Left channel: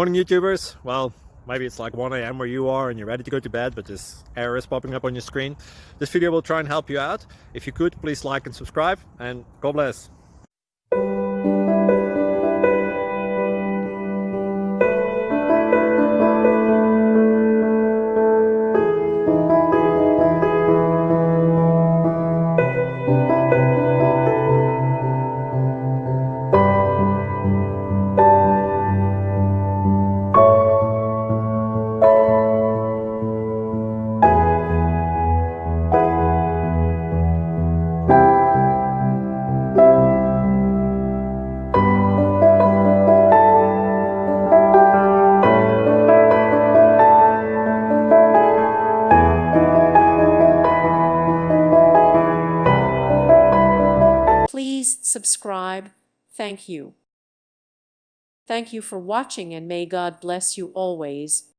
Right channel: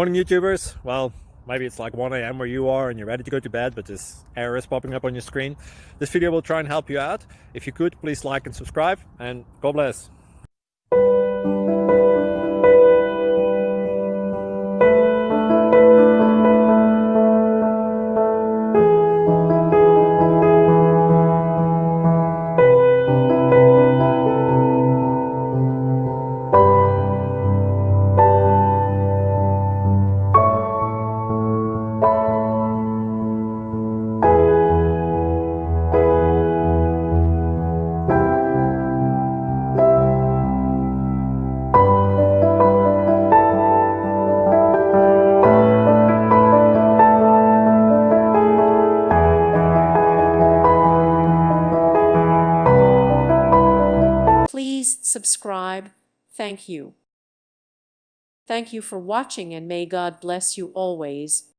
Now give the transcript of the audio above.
Morning YouTubers. Well, maybe it's like 1 a.m. where you are and you're ready to go to bed, but this error is popping up on your screen. This video will try and help you out. If you could, please like and subscribe, and God bless. Please subscribe. Thank you. Thank you for watching, and may God bless you always.